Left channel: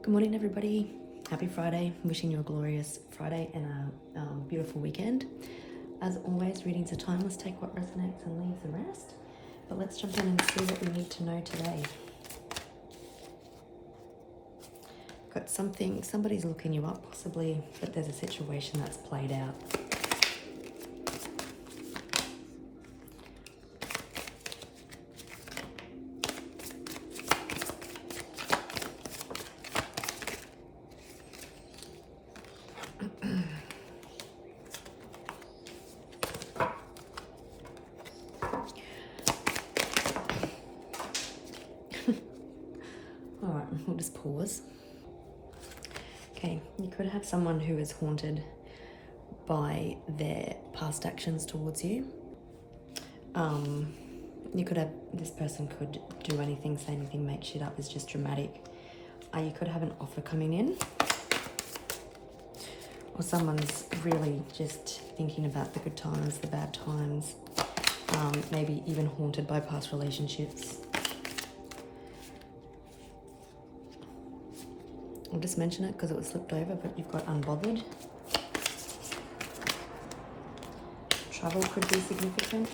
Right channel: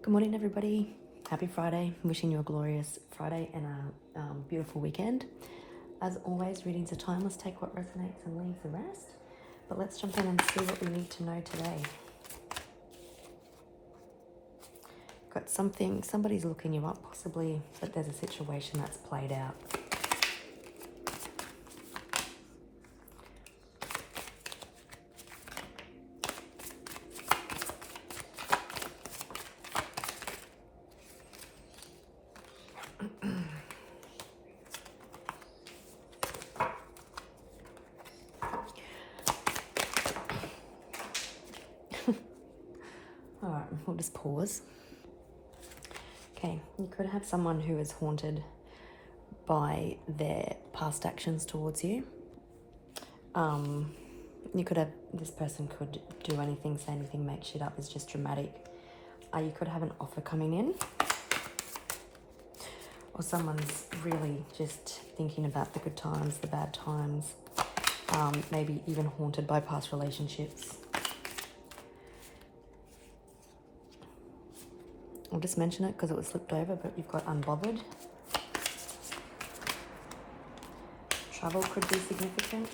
Good morning, everybody. Happy Friday. Wishing you a glorious Friday and a beautiful weekend. As always, readings are timeless. Take what resonates and leave the rest. But let's jump in and see what we need to know today. Got something, somebody's looking you up, possibly, but there's a situation that's played out. All right, we'll just pause. Okay, you could have someone who is haunted by their past actions towards you. You could have, this person could do anything, say anything, make shit up, is just dramatic. You could have an offer coming in. Or someone's really just thinking about the good times, the bad times. Maybe even haunted by past relationships. I'll just mention it because it was slipped over, but you've got unbothered. Travel could be significant.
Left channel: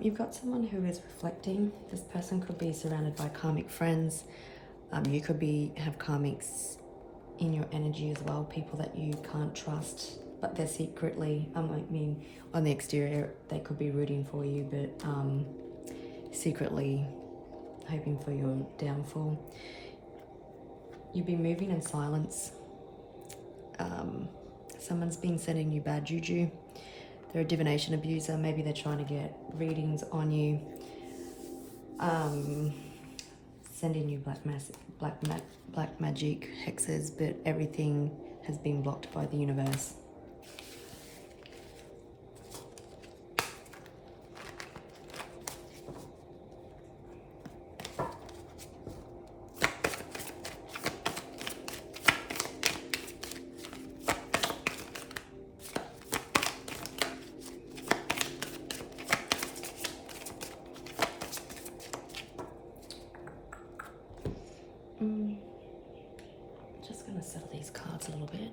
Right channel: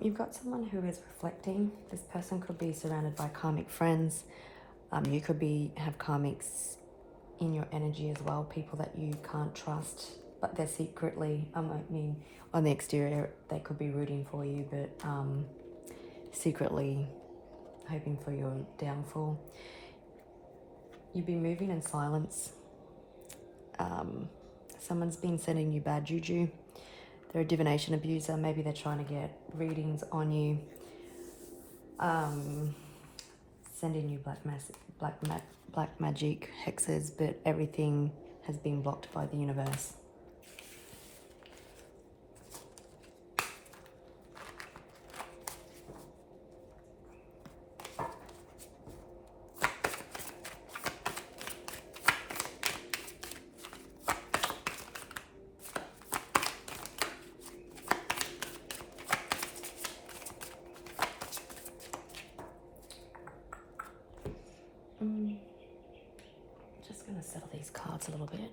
You've got someone who is reflecting. This person could be surrounded by karmic friends. You could have karmics in your energy as well, people that you can't trust, but they're secretly, on the exterior, they could be rooting for you, but secretly hoping for your downfall. You've been moving in silence. Someone's been sending you bad juju. They're a divination abuser. Maybe they're trying to get readings on you. Sending you black magic hexes, but everything has been blocked by the universe. Just going to settle these cards a little bit.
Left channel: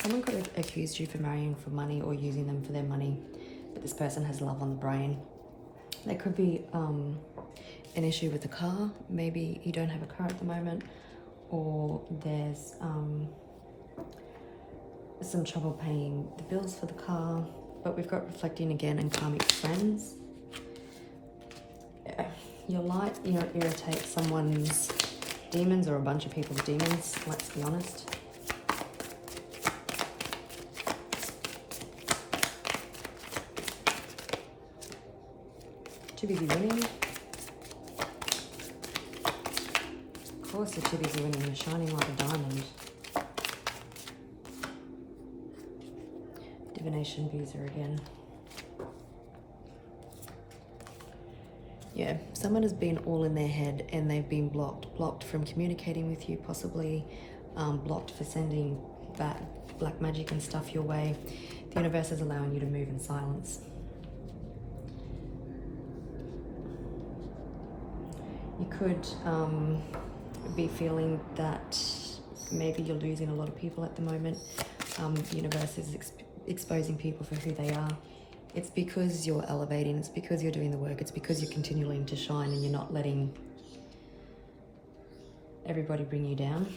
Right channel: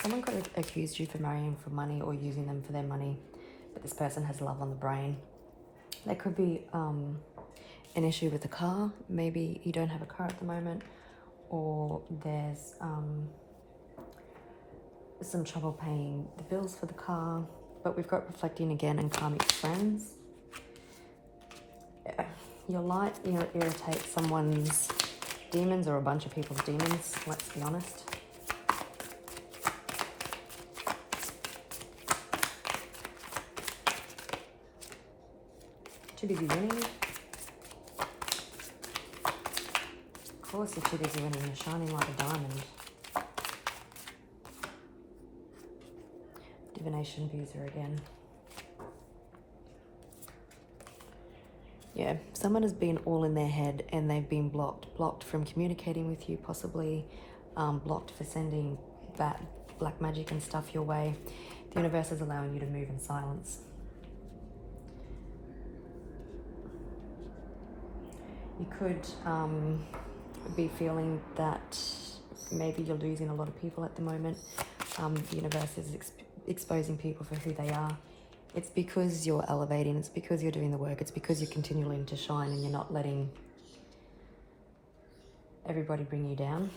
Someone could have accused you for marrying for money or using them for their money, but this person has love on the brain. There could be an issue with the car. Maybe you don't have a car at the moment, or there's some trouble paying the bills for the car. But we've got reflecting again and karmic friends. Your light, irritates someone's demons or a bunch of people's demons, let's be honest. Too busy winning. Of course you're too busy winning, you're shining like a diamond. Divination abuser again. Yeah, someone has been all in their head and they've been blocked from communicating with you, possibly blocked for sending black magic and stuff your way. The universe is allowing you to move in silence. You could be feeling that maybe you're losing a lot of people at the moment. The universe is exposing people for who they are. It's because you're elevating, it's because you're doing the work, it's because you're continuing to shine and you're not letting everybody bring you down.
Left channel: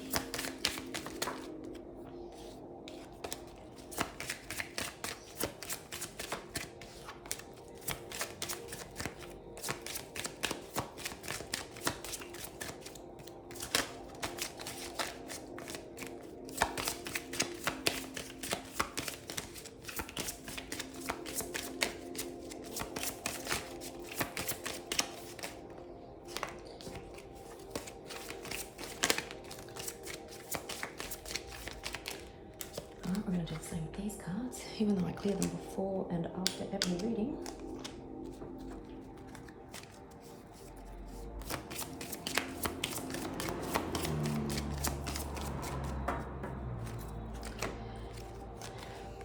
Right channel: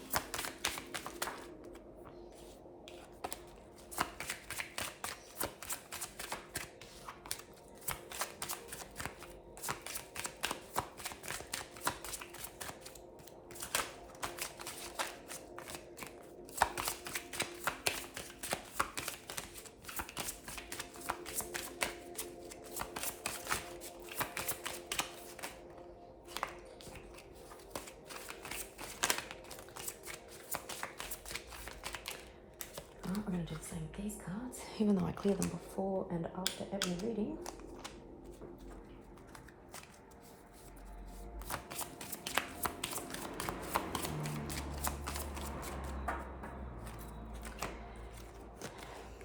I'm going to do the same with these cards, even though I clear them before and after every reading.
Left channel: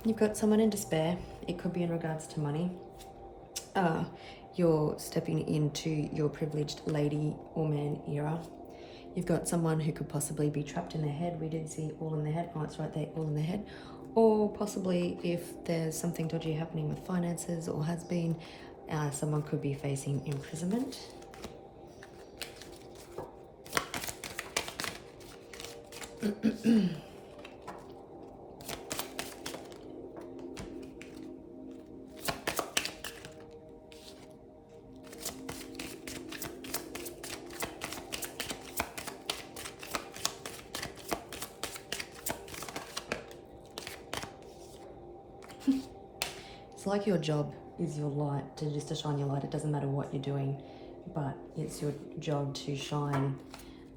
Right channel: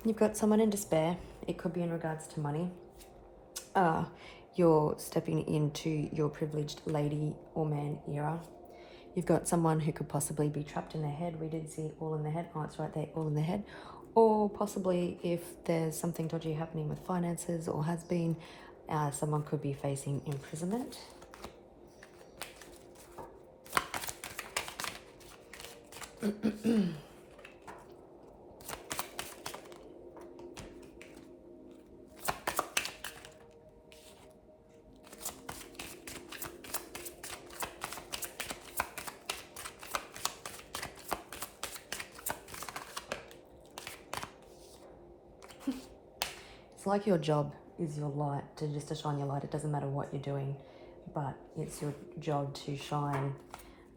You've got someone in despair. It could be in regards to money. You're stepping into your privileged lady or man era. You've got someone who could possibly be trapped in their head. We did see all in the head. Oh, it's right there, all in the head. Or possibly if there's something dodgy happening with finances or has been, someone could be facing imprisonment. It's like your job is your light, to shine your light. It doesn't matter what you're doing, but it's your job to shine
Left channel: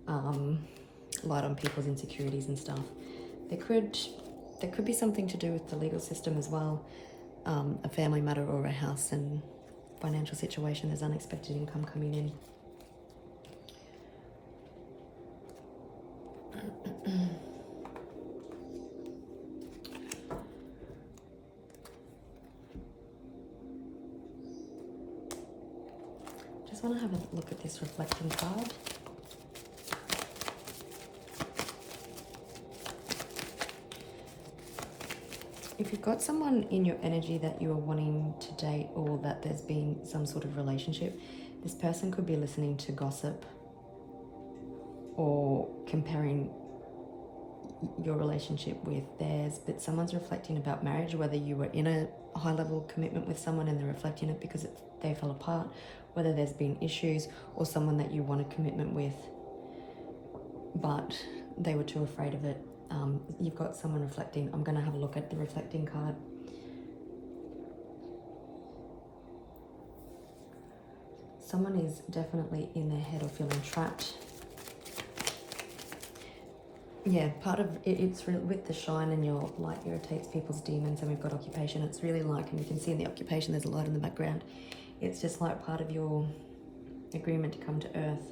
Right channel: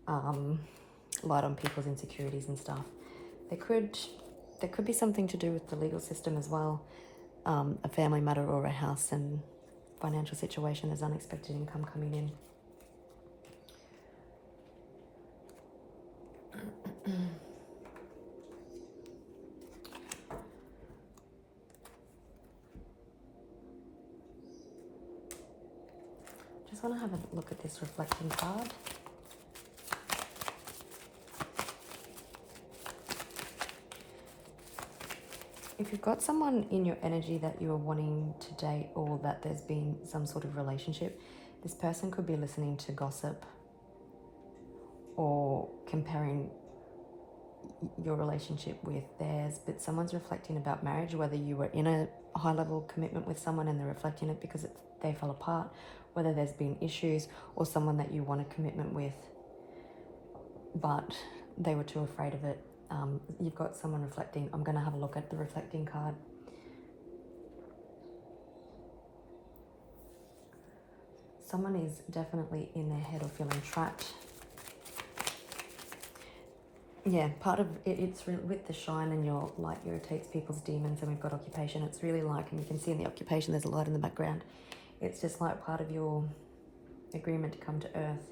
light on people's insecurities and stuff. There could be something to do with the legal system as well, a family matter or a house and financial situation. There's unexpected income coming in. Just want to have a look at this reflecting card. If you've got someone in your energy that you are wanting to date or that there's been some sort of relationship, this person could be listening to gossip or comparing your relationship with theirs, but someone's reflecting about marriage, whether you were in a high level commitment with someone and they're reflecting it because they fell apart, whether there's been issues, or someone that you want a commitment with but they were too afraid of it. You've got someone reflecting. I'm going to have a look at the reflecting card. Someone is definitely in their head or feeling trapped. Yeah, part of it, it's with the shine and your light irritates people's demons, and we've got occupation. It's really like, and you can see in the occupation there's a light in the background. It's just like part of your agreement to come to earth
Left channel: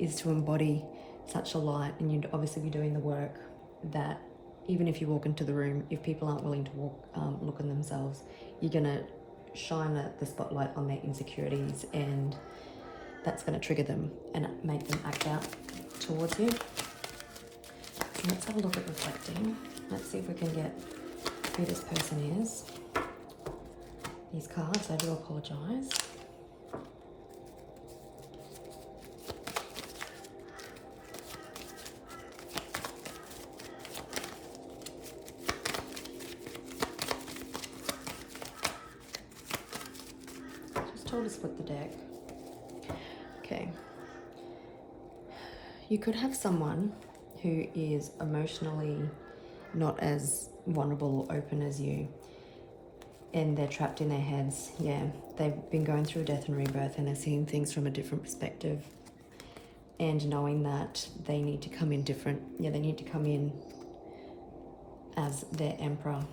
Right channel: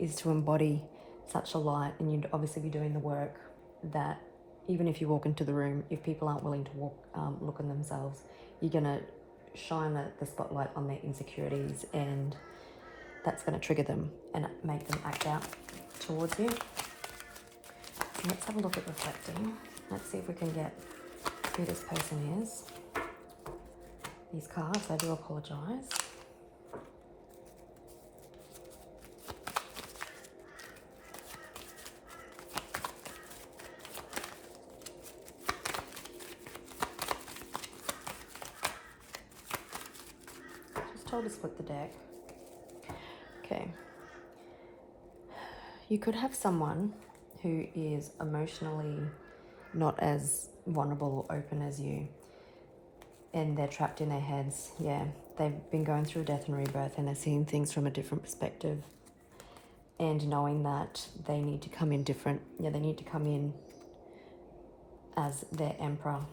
is to embody such a light, and you'd obviously be doing the work that even if you walk into the room, if people aren't willing to look at themselves, you're going to shine the spotlight on their insecurities, and that's going to trigger them and make them act out towards you. So let's have a look at reflecting. Let's see if we can get who this person is. These cards, I do apologise. Just told to split the deck. Okay. You could have someone who is emotionally not as vulnerable or open as you, and they're trapped in their heads. Yeah, they've been going through death and rebirth, and they're seeing things from a different perspective, and knowing that they need to come in different. Yeah, they need to come in as their emperor.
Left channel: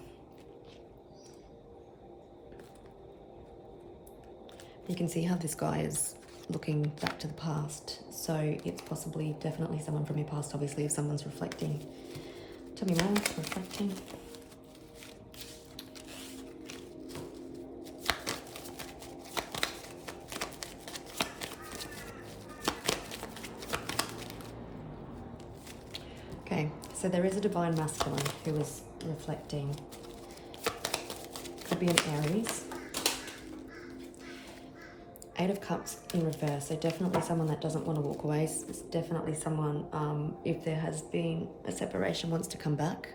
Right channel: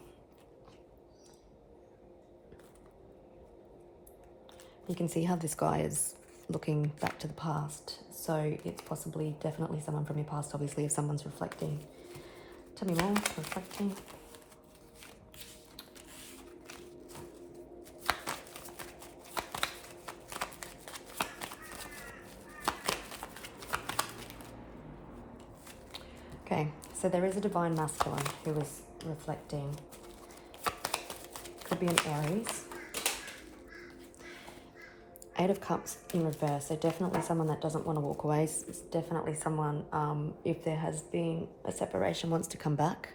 You can see how this guy is looking back to the past, so it's possibly definitely someone from your past. Obviously, if someone's reflecting. Tell me more. Reflecting. Okay, so there is a divine masculine who is reflecting. Could be an Aries. Eight of Cups in reverse, so definitely someone that doesn't want to walk away. It's definitely someone, if there has been a separation, wants to come back.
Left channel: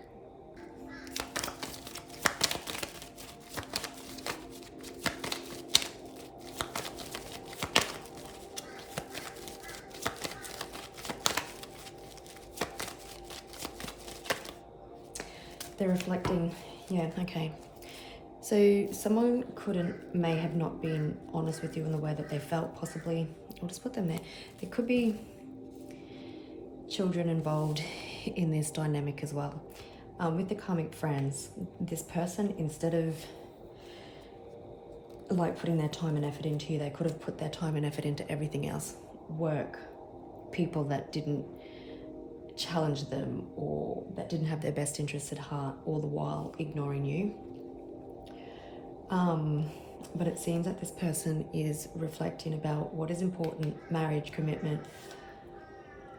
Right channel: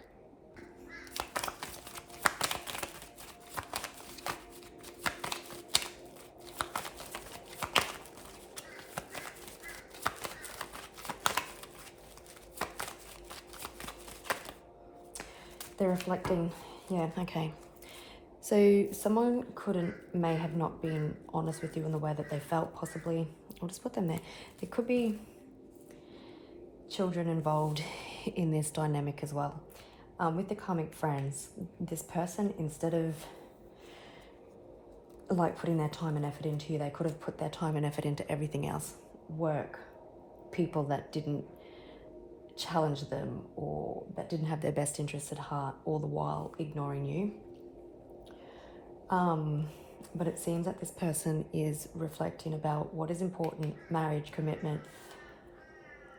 They're reflecting, yeah, okay. So someone may have not been honest with you in the way that they felt, possibly. I'll just put them there. There could be children involved in this dynamic as well. With the karmic friends, this person, instead of like putting their time and effort into you, they could have put their time and effort into everything else. Work, people that didn't challenge them or that didn't have their best interests at heart, all the while ignoring you. But it seems that this person is reflecting about what is important: marriage, commitment,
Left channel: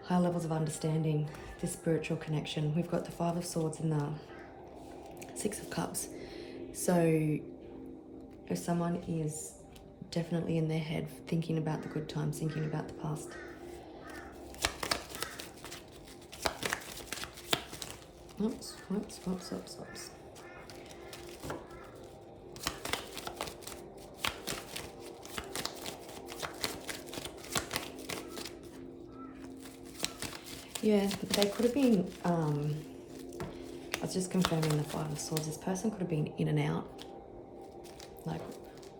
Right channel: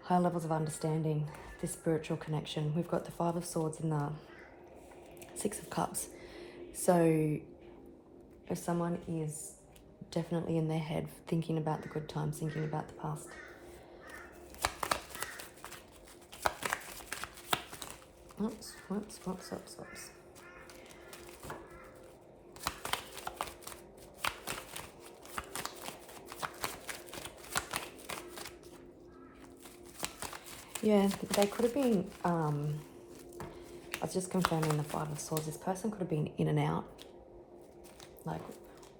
high levels of understanding, this spiritual connection. We've got the Five of Swords and the Six of Cups. So if someone is definitely in their head thinking about the good times, thinking about the past. Oops. Yeah, they could have been, I was just confirming the Five of Swords. This person could have been in and out. Like,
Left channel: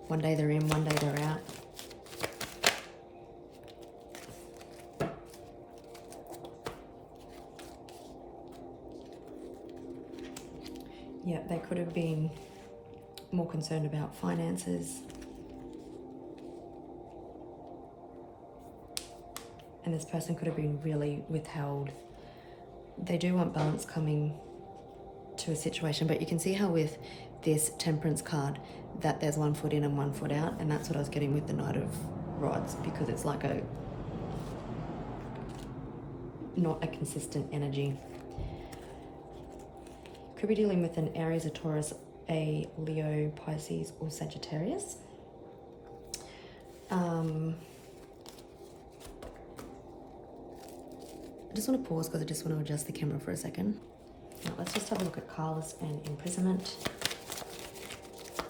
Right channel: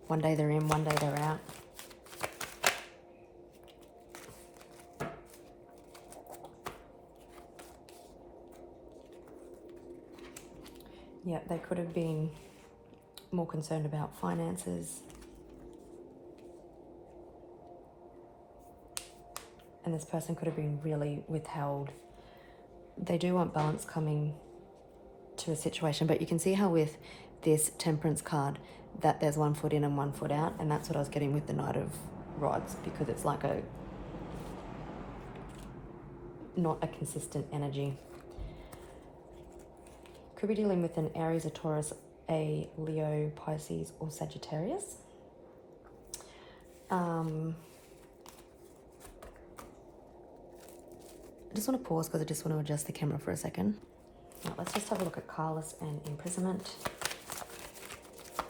one day they're in, one day they're out. Yeah, they could have been more concerned about finances. And this person could have been really withheld. They do want balance coming to a situation, but you can see how with this Temperance card that there's 1 foot in and 1 foot out, and that's what I was getting with the Knight of Rods, because it's like not a consistent energy. Could be dealing with an Aries, a Taurus, a Leo, Pisces, or Sagittarius. I just want to pause because I just want to adjust the camera for a second. Now, let's just have a look at careless and imprisonment.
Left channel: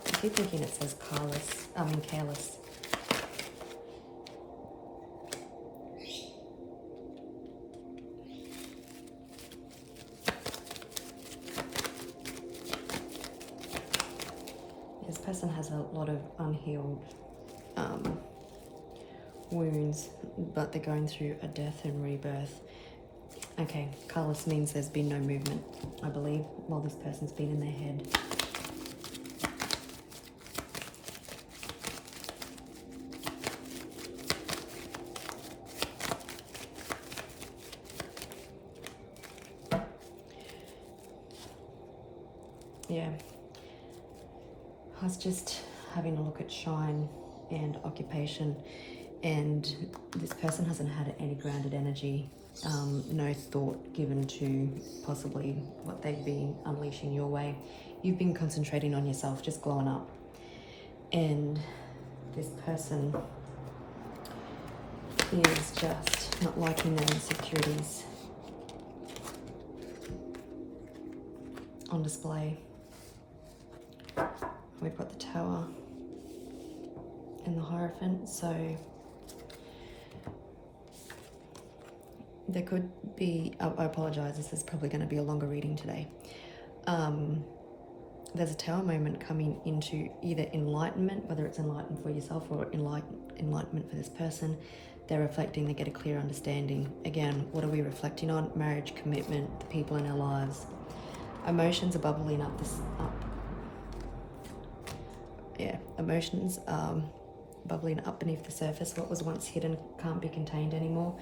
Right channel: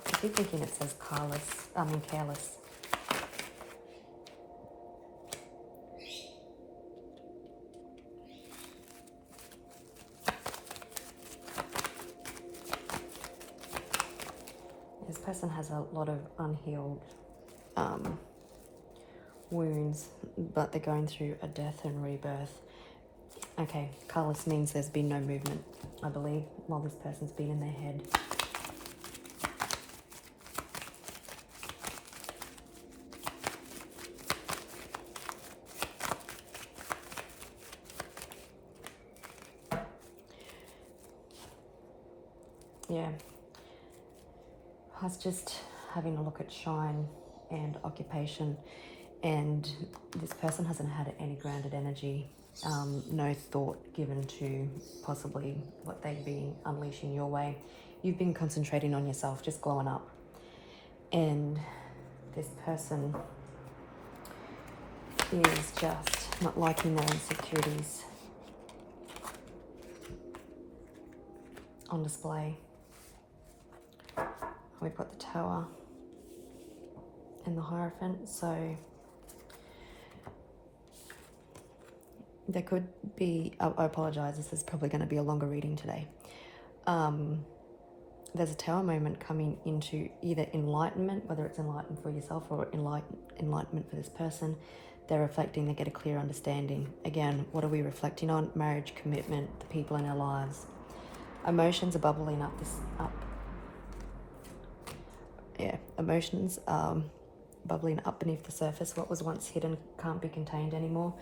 I keep thinking it says careless. This person has a lot of unhealed wounds, but they're going through a death and rebirth. Okay, careless means there's been no movement, I believe, while this person's been in their head. Yeah. I was just having a look at shine and occupation, and this person hasn't had any grounded energy. No thought given to possibly what they'd be unleashing your way. You've been concentrating on yourself, just glowing up. And this person is just not liking their insecurities on display. We've got the Tower and the Hierophant, so there could be, I apologize, this is probably going to be a longer reading today. There's a Tower moment coming into either enlightenment, whether it's enlightenment for yourself or enlightenment for this person. They're reflecting, they get a clear understanding. Again, what are we reflecting on? Marriage, commitment, the people in our lives. Emotions are bubbling up. Emotions bubbling up beneath the surface. What was once hidden can't be contained anymore.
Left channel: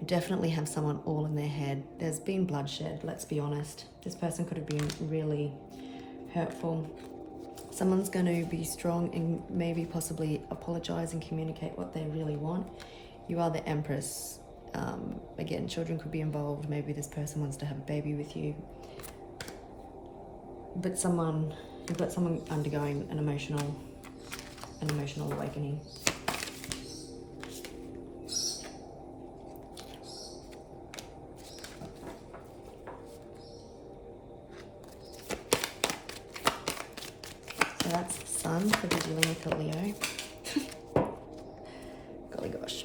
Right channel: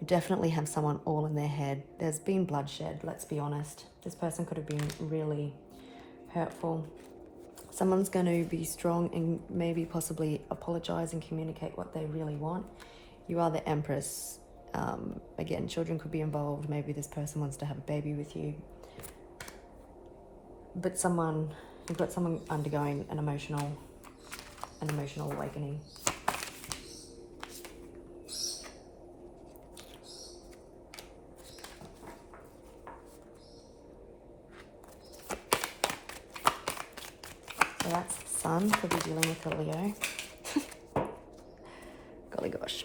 We definitely have someone all in their head. There's been bloodshed, let's be honest. This person could have been really hurtful. Someone's going to be strong and maybe possibly apologize and communicate what they really want. You are the Empress. Again, children could be involved. Maybe this person wants to have a baby with you. But you've got someone undergoing an emotional awakening. Sun could be dealing with a Leo. Golly gosh.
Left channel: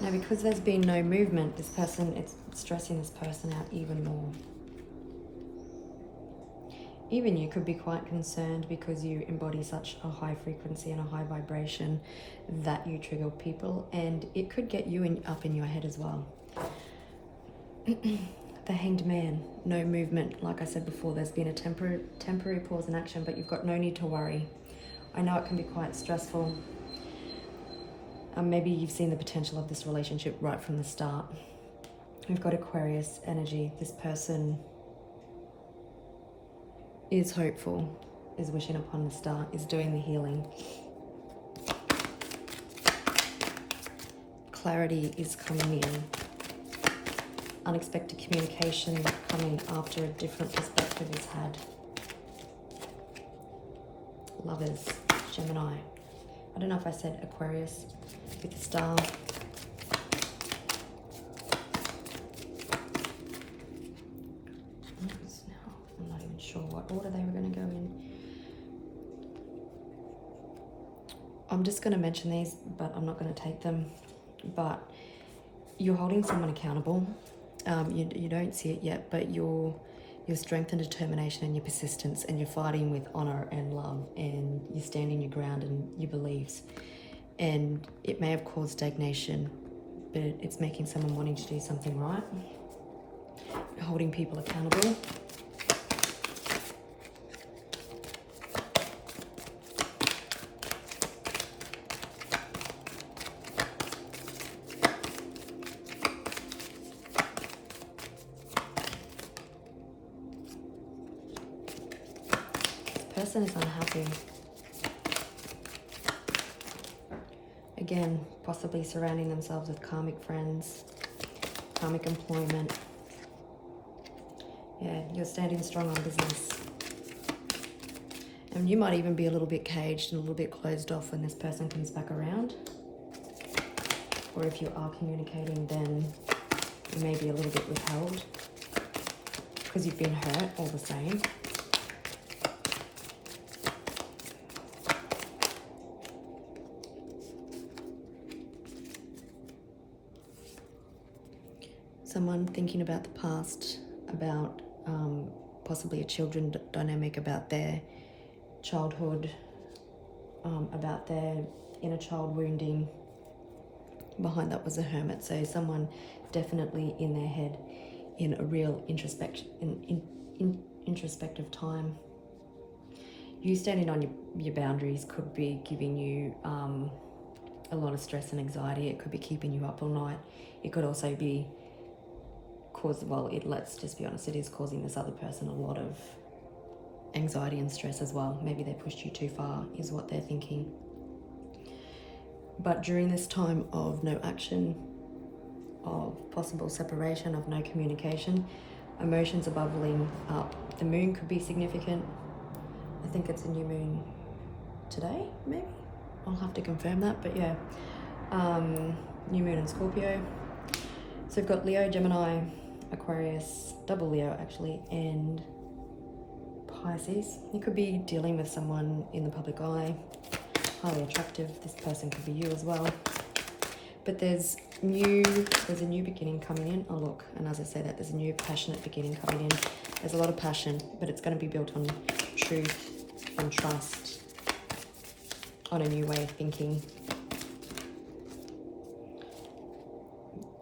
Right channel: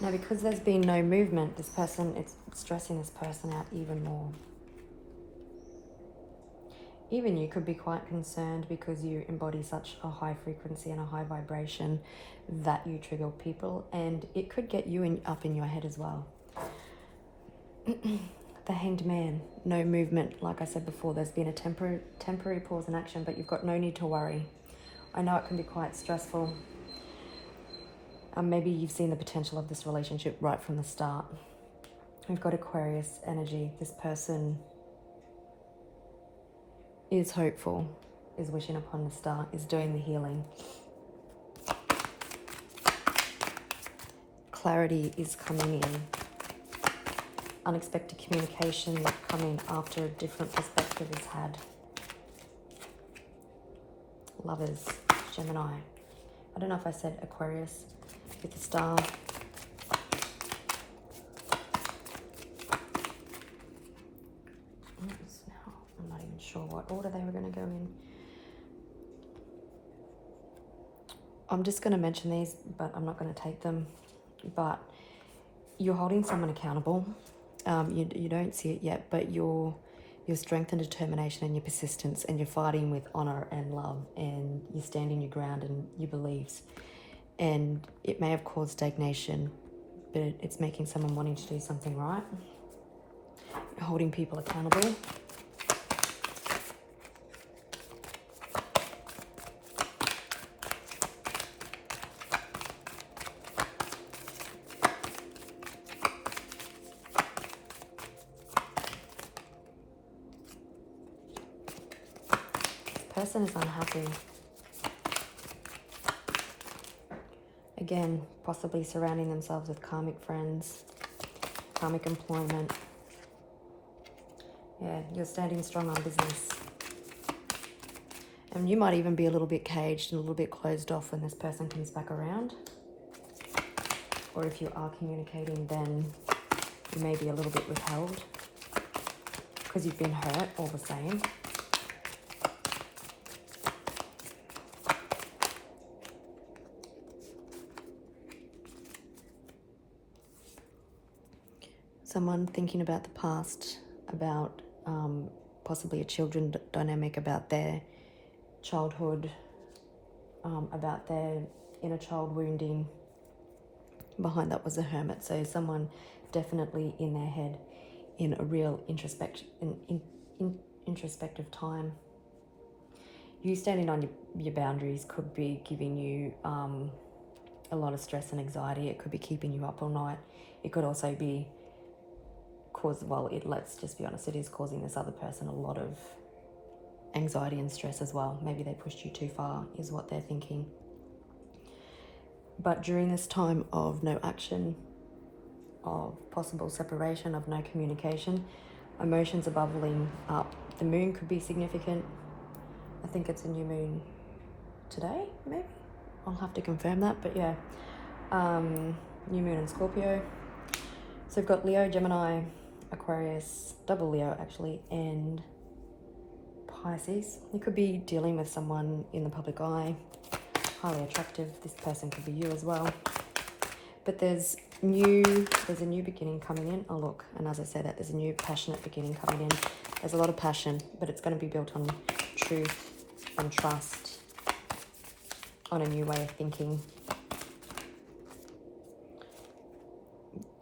Now, because there's been no movement, this person, it's stressing this person out even more. Even you could be quite concerned because you embody such a high frequency and a high vibration that you trigger people, and it could get you up in your head as well. The Hanged Man, no movement. Like I said before, there's been a temporary pause in action, but you've got no need to worry. I know it can be quite stressful. Maybe you've seen the potential of this relationship right from the start. We've got Aquarius energy. This person is hopeful, is wishing upon the star, is doing the healing. Clarity is coming in. Unexpected communication coming after a different perspective is had. Lovers, Gemini. I don't know if I said Aquarius with the star. I'm not even sure what order they were going to go in. I'm just going to mention these, but I'm not going to take them. But you're holding someone accountable. You don't see it yet, but your strength and determination and your persistence, and you're fighting with honor and love, and you're standing your ground and your beliefs. And it may have caused stagnation, but it's making someone wanting to do something right. You're holding people accountable. Person is unhappy. Again, possibly surrounding themselves with karmic friends, karmic employment. Yeah, you're standing strong on business. And you might even be a little bit caged and a little bit closed off when this person comes back around. Or if you are communicating, then you may be a little bit withheld because you've been hurt all the same. Someone thinking about the past, about possibly a children dynamic, about their childhood, about their inner child wounding. Behind that was a Hermit, so someone definitely in their head in a real introspective time. You standing on your boundaries could be giving you a lot of stress and anxiety. It could be keeping you up all night. It could also be let's just be honest, it is causing this other person a lot of anxiety and stress as well. Maybe they pushed you too far, is what they're thinking. But during this time of no action, of possible separation, of no communication, emotions are bubbling up. The moon could be significant. I think it's a new moon today, maybe? I'll have to confirm that, but yeah. New moon in Scorpio. So we've got Leo, Gemini, Aquarius, double Leo actually, and Pisces. You could be dealing with someone in the public eye, highly attractive. This person could be you as well. But there's a new beginning coming in. Oh look, and as I say that, there's a new passionate beginning coming in. There's a lot of passion, but it's going to be built on truth and trust, on a new way of thinking.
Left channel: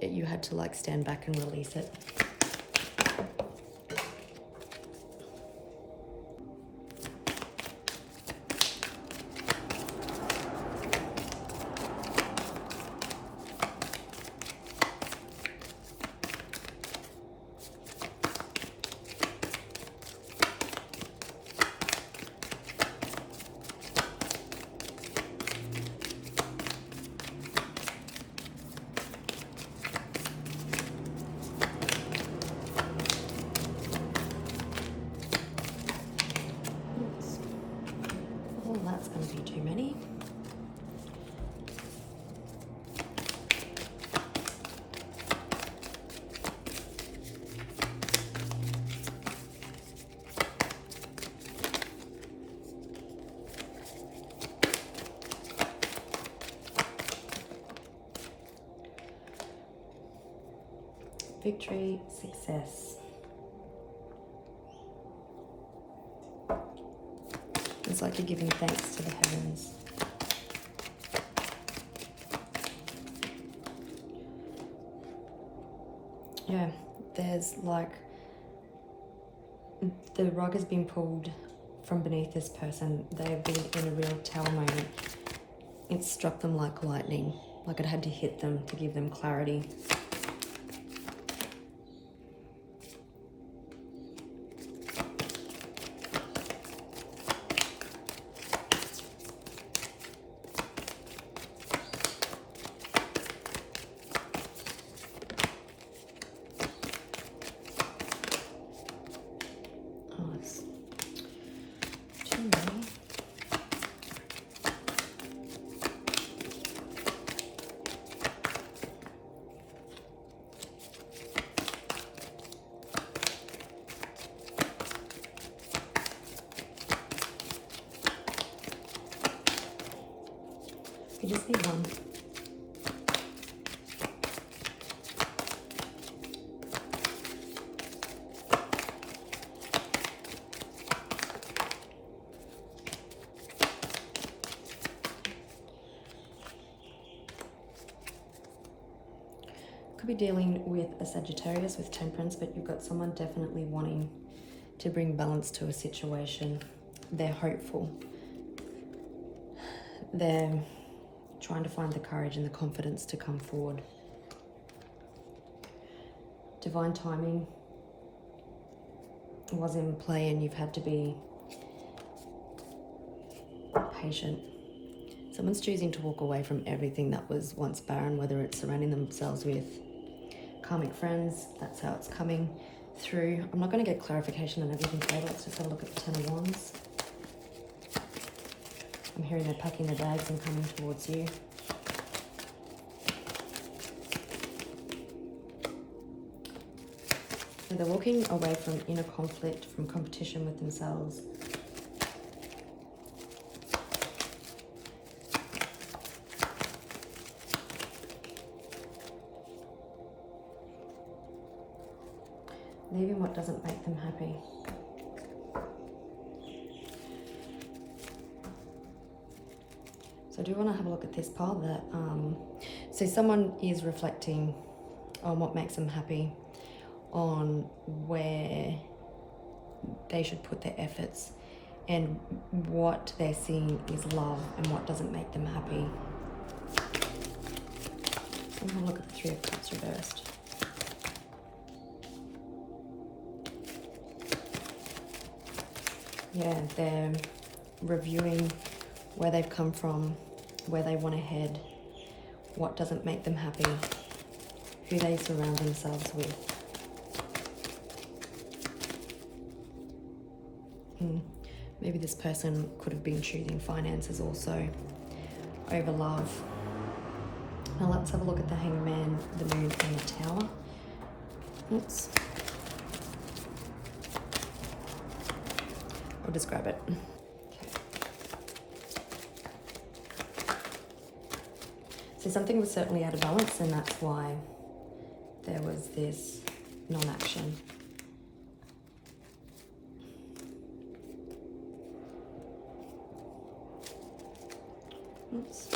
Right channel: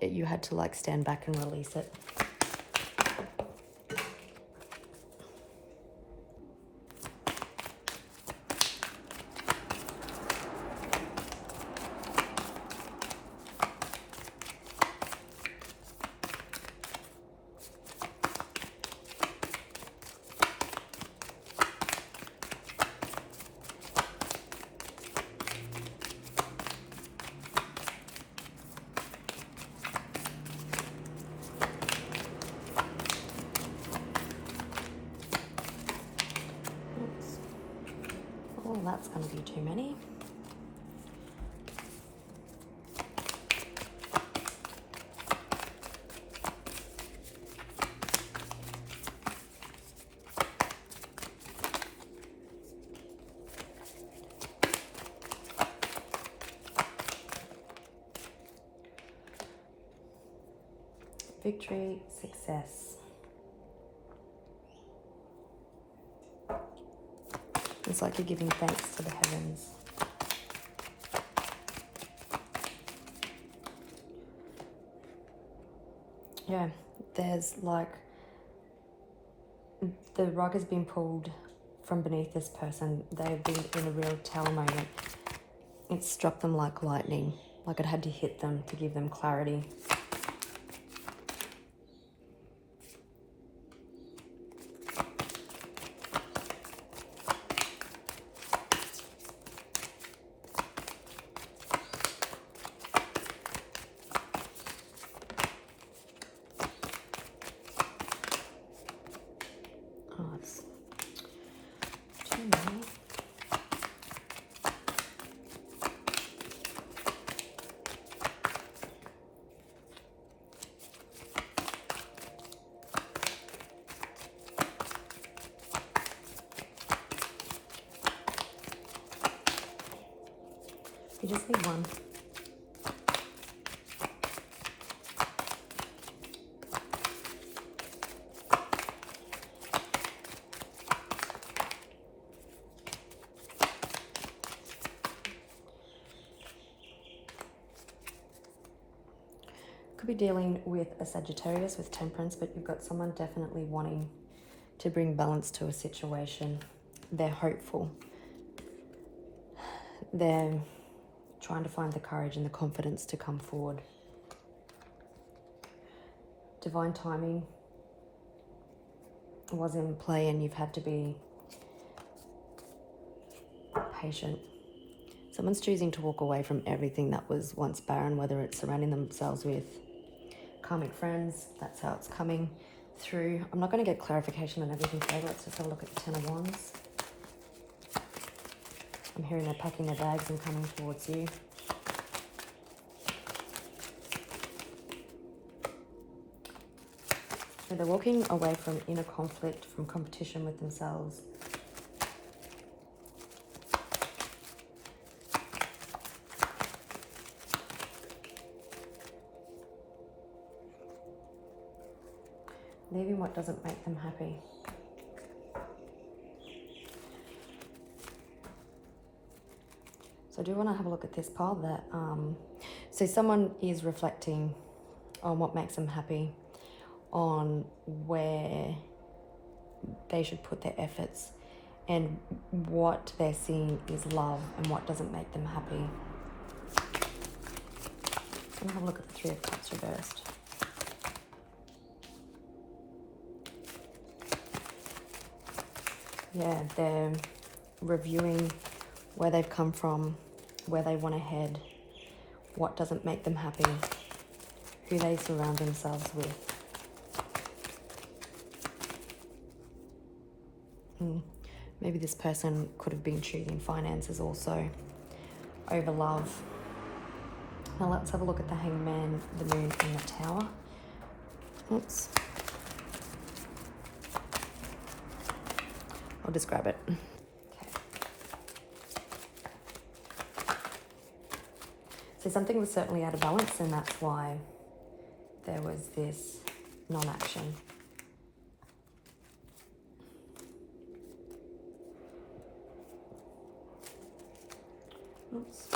You had to stand back and release it. victory, success. It's like you're giving thanks to the heavens. Yeah, there's like, the rug has been pulled from beneath this person. They've been in a real tower moment. It struck them like lightning, like it had to hit them to give them clarity. You just need one. Could be dealing with a Sagittarius with temperance, but you've got someone definitely wanting to bring balance to a situation. They're hopeful. They're trying to find the courage and the confidence to come forward. Divine timing was in play and you've had to be patient. Someone's choosing to walk away from everything that was once barren, whether it's surrounding themselves with karmic friends. That's how it's coming through. I'm not going to get clarification on everything today. Let's just have a look at the Ten of Wands. I'm hearing they're packing their bags and coming towards you. So they're walking away from inner conflict, from competition with themselves. Leaving what doesn't make them happy. So I do want to have a look at this pile that, so someone is reflecting on what makes them happy, on where they should put their efforts, and what they're seeing is love and what doesn't make them happy. So we'll have a look at the Three of Cups reversed. Yeah, they're reviewing where they've come from, where they want to head, what doesn't make them happy, who they surround themselves with. Maybe this person could have been choosing finances also over love. Now let's have a look at the Hangman, the Moon and the Tower. Oops. I'll just grab it. So something was certainly out of balance, and that's why there was this non-action. Oops.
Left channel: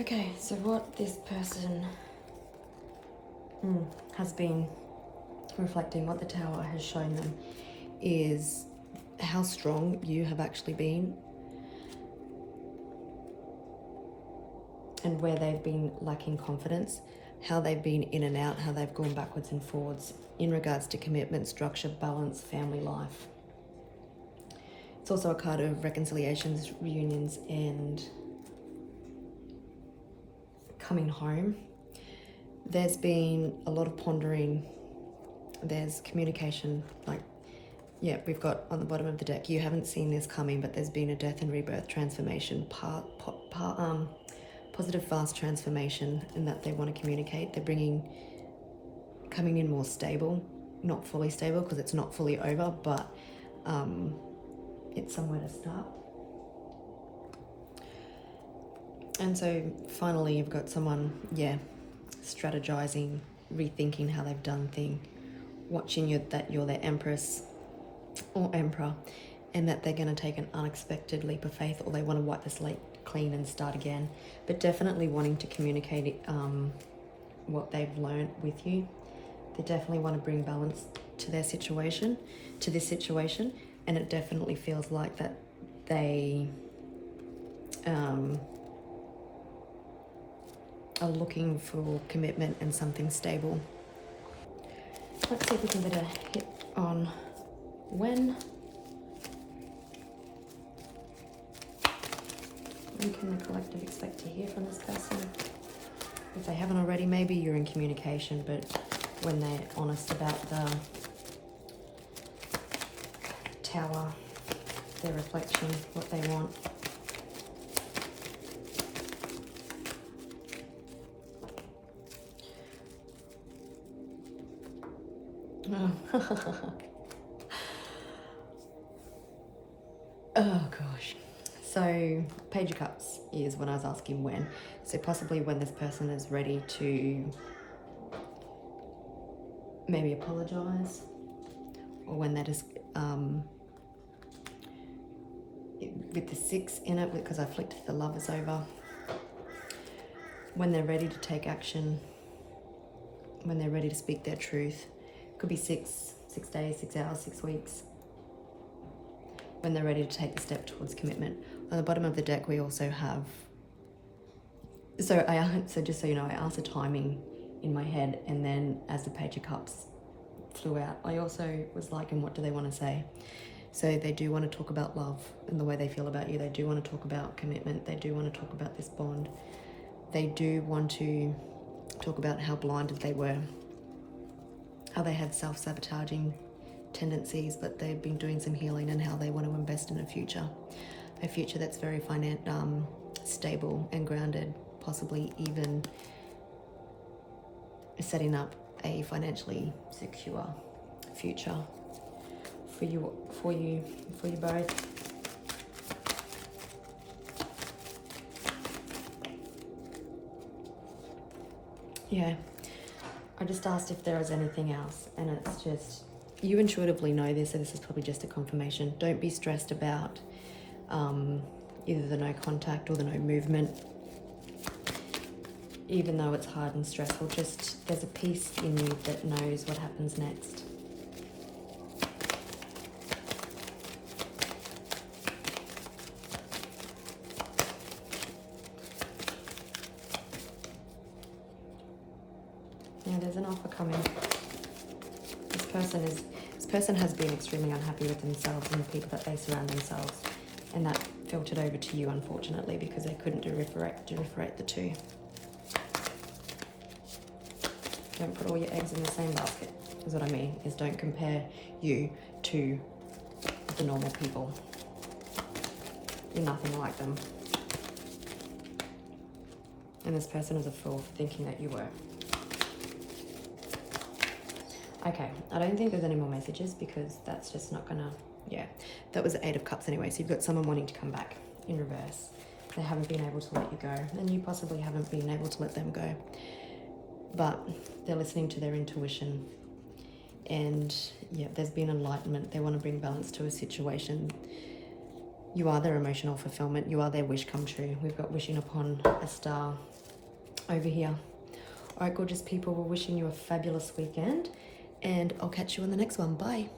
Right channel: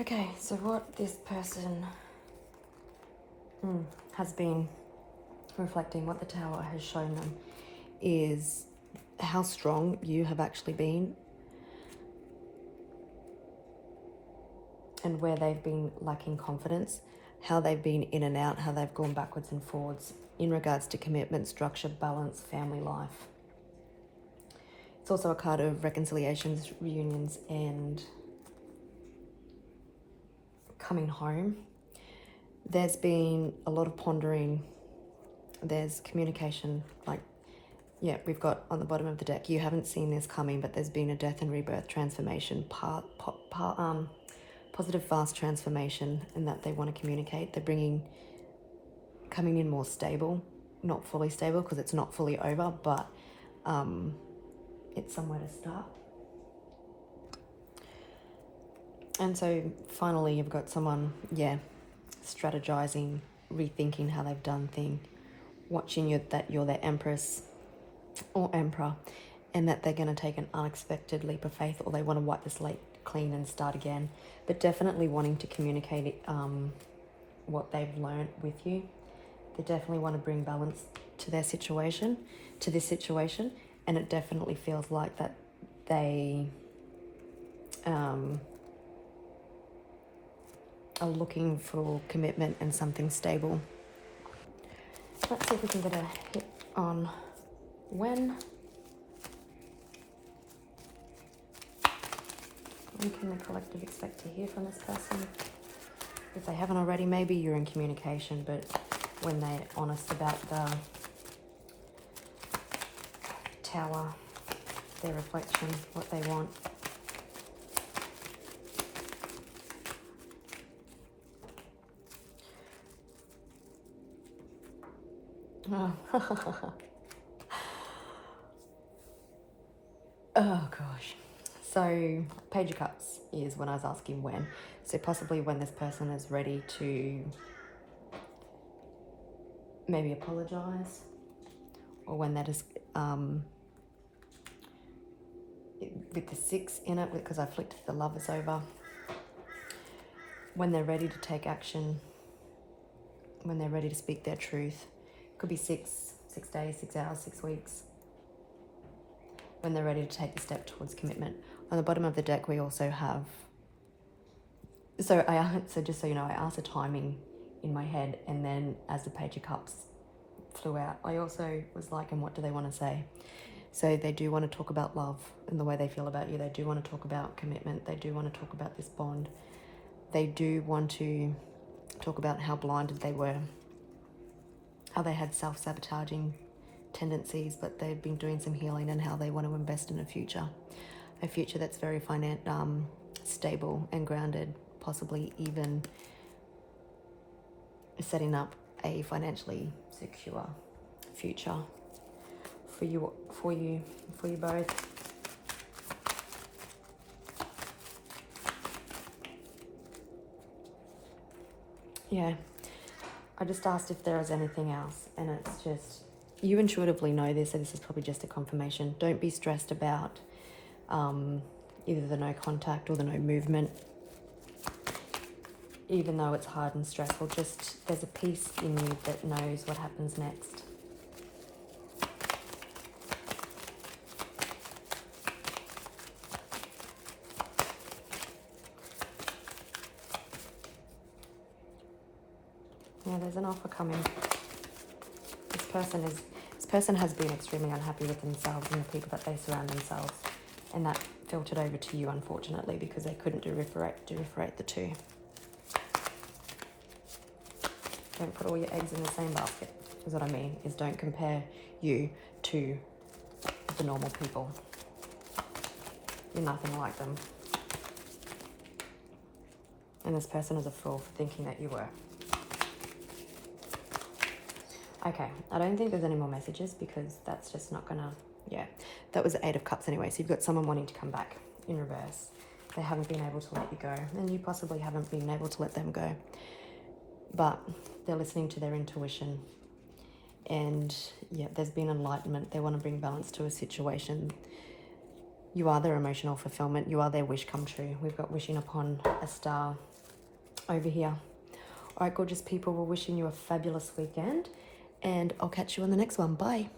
Okay, so what this person has been reflecting, what the Tower has shown them, is how strong you have actually been and where they've been lacking confidence, how they've been in and out, how they've gone backwards and forwards in regards to commitment, structure, balance, family life. It's also a card of reconciliations, reunions, and coming home. There's been a lot of pondering. There's communication, like Yeah, we've got on the bottom of the deck, you haven't seen this coming, but there's been a death and rebirth transformation, positive, fast transformation, and that they want to communicate. They're coming in more stable, not fully stable because it's not fully over, but it's somewhere to start. And so finally, you've got someone, strategizing, rethinking how they've done things, watching you that you're their empress or emperor, and that they're going to take an unexpected leap of faith, or they want to wipe the slate clean and start again, but definitely wanting to communicate what they've learned with you. They definitely want to bring balance to this situation, and it definitely feels like that they are looking for commitment and something stable. Let's see if we can get a hit on when can the collective expect to hear from this person. If they haven't already, maybe you're in communication, but when they're honest about the Tower, their reflection, what they want. Oh gosh. So Page of Cups is when I was asking when. So possibly when this person is ready to maybe apologize, or when they're just with the 6 in it, because I flicked the Lovers over, when they're ready to take action, when they're ready to speak their truth. Could be 6 days, 6 hours, 6 weeks, when they're ready to take the step towards commitment. On the bottom of the deck, we also have, so just so you know, I asked the timing in my head, and then as the Page of Cups flew out, I also was like, and what do they want to say? So they do want to talk about love and the way they feel about you. They do want to talk about commitment. They do want to talk about this bond. They do want to talk about how blinded they were, how they had self-sabotaging tendencies, but they've been doing some healing, and how they want to invest in a future that's very stable and grounded, possibly even setting up a financially secure future for you both. Yeah, I just asked if there was anything else, and it's just, you intuitively know this, so this is probably just a confirmation. Don't be stressed about either the no contact or the no movement. Even though it's hard and stressful, just there's a piece in you that knows what happens next. Yeah, there's an offer coming. This person has been extremely unhappy with themselves and the people that they surround themselves, and that filtered over to you, unfortunately, because they couldn't differentiate the two. Don't put all your eggs in the same basket, is what I mean, is don't compare you to the normal people. You're nothing like them. And this person is a fool for thinking that you were. Okay, I don't think there's any more messages, because that's just not gonna, that was the 8 of Cups anyway. So you've got someone wanting to come back in reverse. They haven't been able to let you go, and you possibly haven't been able to let them go. But they're listening to their intuition, and there's been enlightenment. They want to bring balance to a situation. You are their emotional fulfillment. You are their wish come true. We've got wishing upon a star over here. All right, gorgeous people, we're wishing you a fabulous weekend, and I'll catch you on the next one. Bye.